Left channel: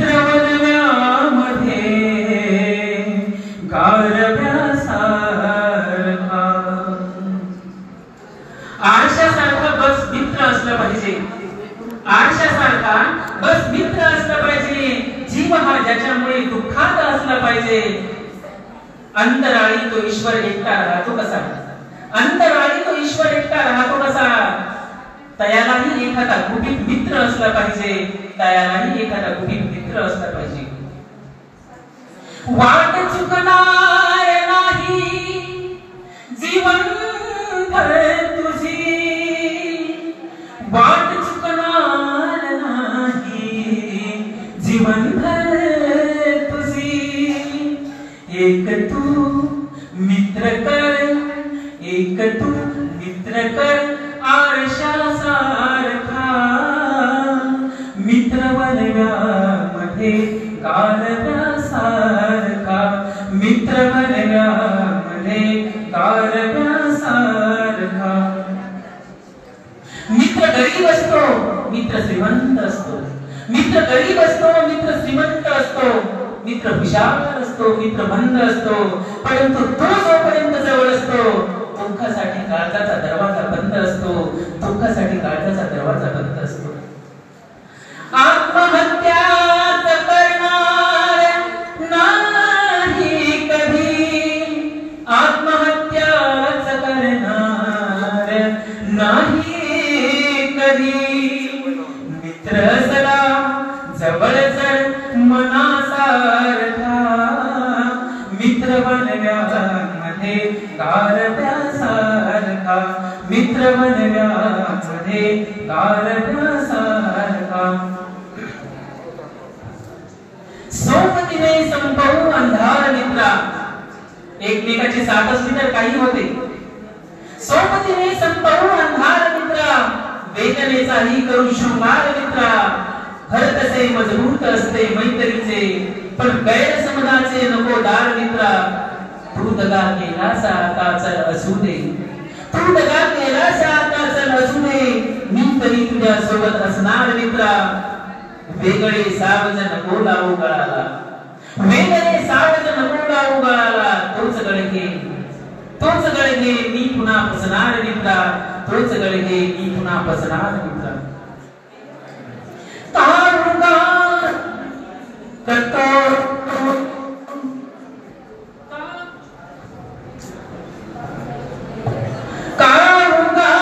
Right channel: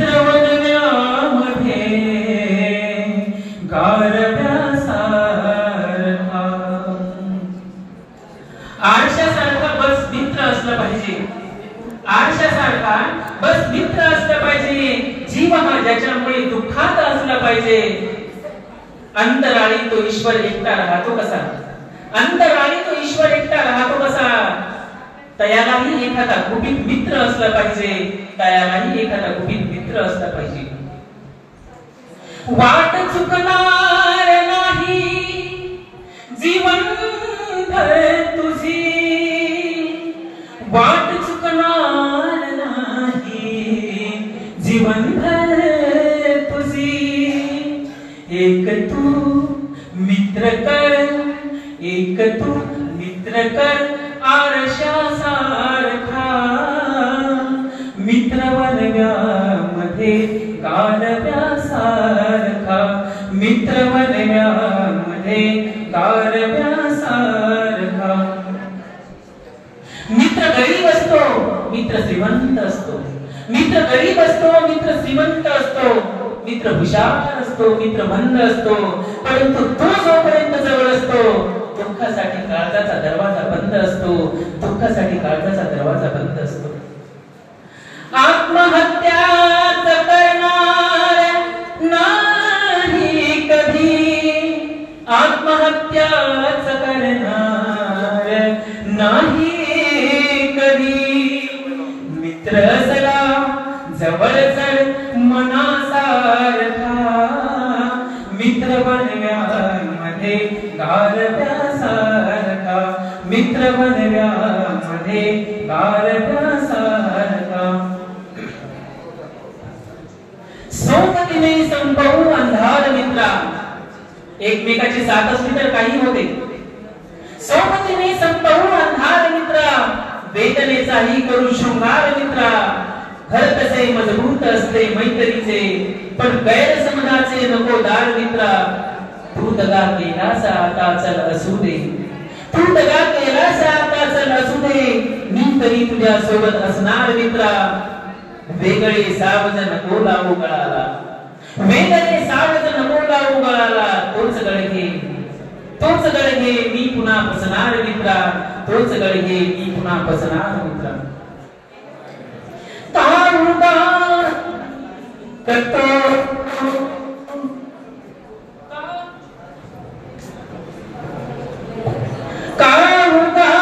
मित्रवण्यामध्ये गारव्यासारखा आरशासारखा बस मित्र असला पाहिजे, आरशासारखा बस मित्र असला पाहिजे। जीव हा ज्याच्यामुळे दुःखात असला पाहिजे। अंतराळी तो ईश्वर एकटा राहतो कसा, अंतराळी तो ईश्वर एकटा राहतो कसा। तयालाही एखादा गुपित मित्र असला पाहिजे, तयालाही एखादा गुपित मित्र असला पाहिजे। वाट चुकणार नाही जीवनभर तुझी, वाट चुकणार नाही जीवनभर तुझी। एक तू मित्र कर, एक तू मित्र कर आरशासारखा। मित्रवण्यामध्ये गारव्यासारखा, मित्रवण्यामध्ये गारव्यासारखा। मित्र गरीब असतो, मित्र श्रीमंत असतो, मित्र गरीब असतो, मित्र श्रीमंत असतो, मित्र हुशार असतो, मित्र मंद असतो, परंतु तो जोपर्यंत जवळ असतो दुःखासाठी काळजाचा दरवाजा बंद असतो, दुःखासाठी काळजाचा दरवाजा बंद असतो। आत्महत्या करणार नाही कधी, आत्महत्या करणार नाही कधी। मित्र सदा जवळ जर मनासारखा, मित्रवण्यामध्ये गारव्यासारखा, मित्रवण्यामध्ये गारव्यासारखा। सोबतीने संपवू अंधार मित्रा, एकमेकाची साथ असली तर काही होते। सोबतीने संपवू अंधार मित्रा, वेदनेचाही करू शृंगार मित्रा। घर तसे मजबूत असते मैत्रीचे, पण गैरसमजाचे नको दार मित्रा। तू दगा केलासा आता चल असू दे, तू दगा केलासा आता चल असू दे। मी तरी तुझ्या सोबत असणार मित्रा। वेगळे सावज नको लावू गळाला, वेगळे सावज नको लावू गळाला। तोच गळघे, तोच गळघे मी पुन्हा पसणार मित्रा, तोच गळघे मी पुन्हा पसणार मित्रा। तारुगा करतो कारुगा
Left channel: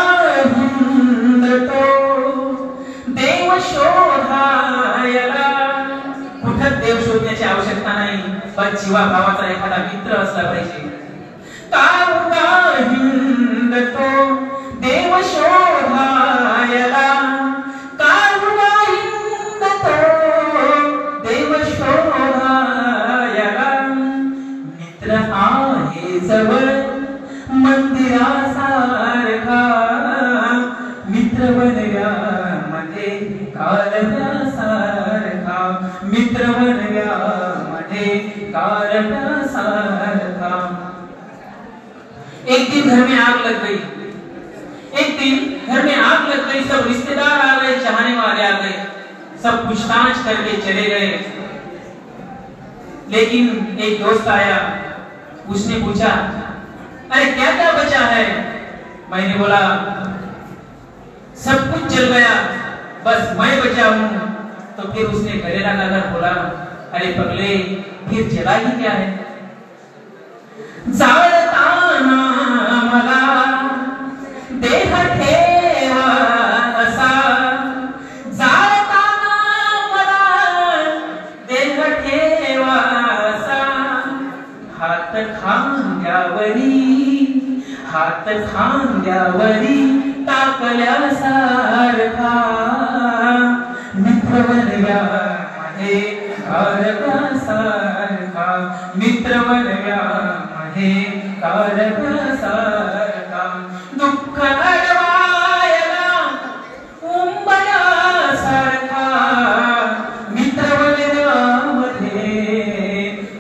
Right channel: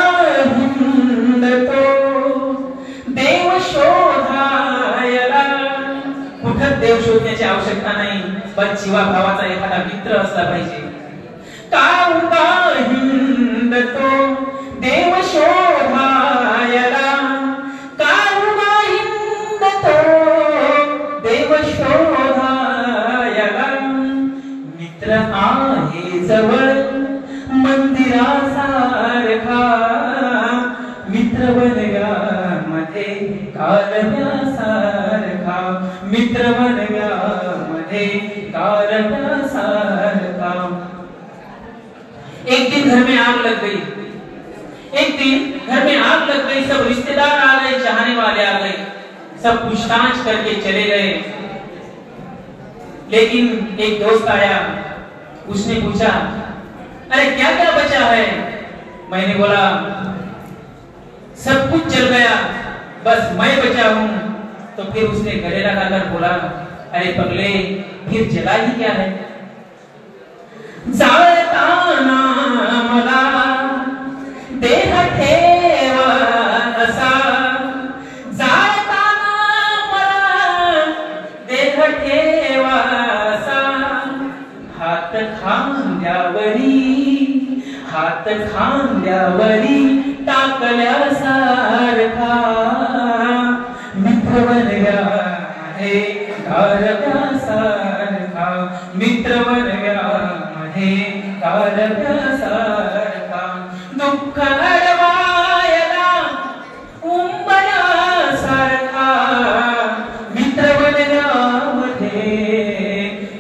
हिंदतो देव शोधायला। कुठं देव शोधण्याची आवश्यकता नाही, पण जीवा भावाचा एखादा मित्र असला पाहिजे। कारुगा हिंदतो देव शोधायला, देव शोधायला। मित्र आहे जवळ मंदिरासारखा, मित्रवण्यामध्ये गारव्यासारखा, मित्रवण्यामध्ये गारव्यासारखा। एक दिन घर में आग लग गई, एक दिन घर में आग लग गई। सब रिश्तेदार आ गए, चाहने वाले आ गए, सब पूछताछ करके चले गए। लेकिन एक दोस्त आया, उसने पूछा अरे क्या क्या बचा है। मैंने बोला सब कुछ जल गया, बस मैं बचा हूं। तो फिर उसने गले लगाकर बोला अरे पगले फिर जला ही क्या है। जाळताना मला देह ठेवा असा, हात खांद्यावरी, हात खांद्यावरी टाकल्यासारखा। मित्रवण्यामध्ये गारव्यासारखा, मित्रवण्यामध्ये गारव्यासारखा। दुःख अडवायला उंबऱ्यासारखा, मित्रवण्यामध्ये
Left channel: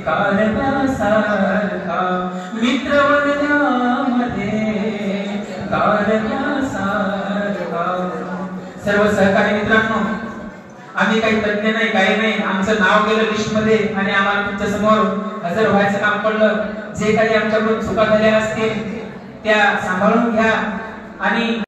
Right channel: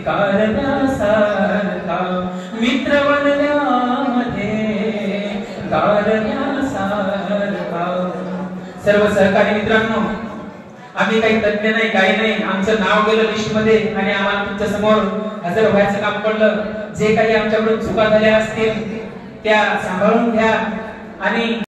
गारव्यासारखा, मित्रवण्यामध्ये गारव्यासारखा। सर्व सहकारी मित्रांनो, आम्ही काही तज्ञ नाही, काही नाही, आमचं नाव गेलं लिस्ट मध्ये आणि आम्हाला तुमच्या समोर हजर व्हायचं काम पडलं. जे काही आमच्याकडून चुका झाल्या असतील त्या सांभाळून घ्या आणि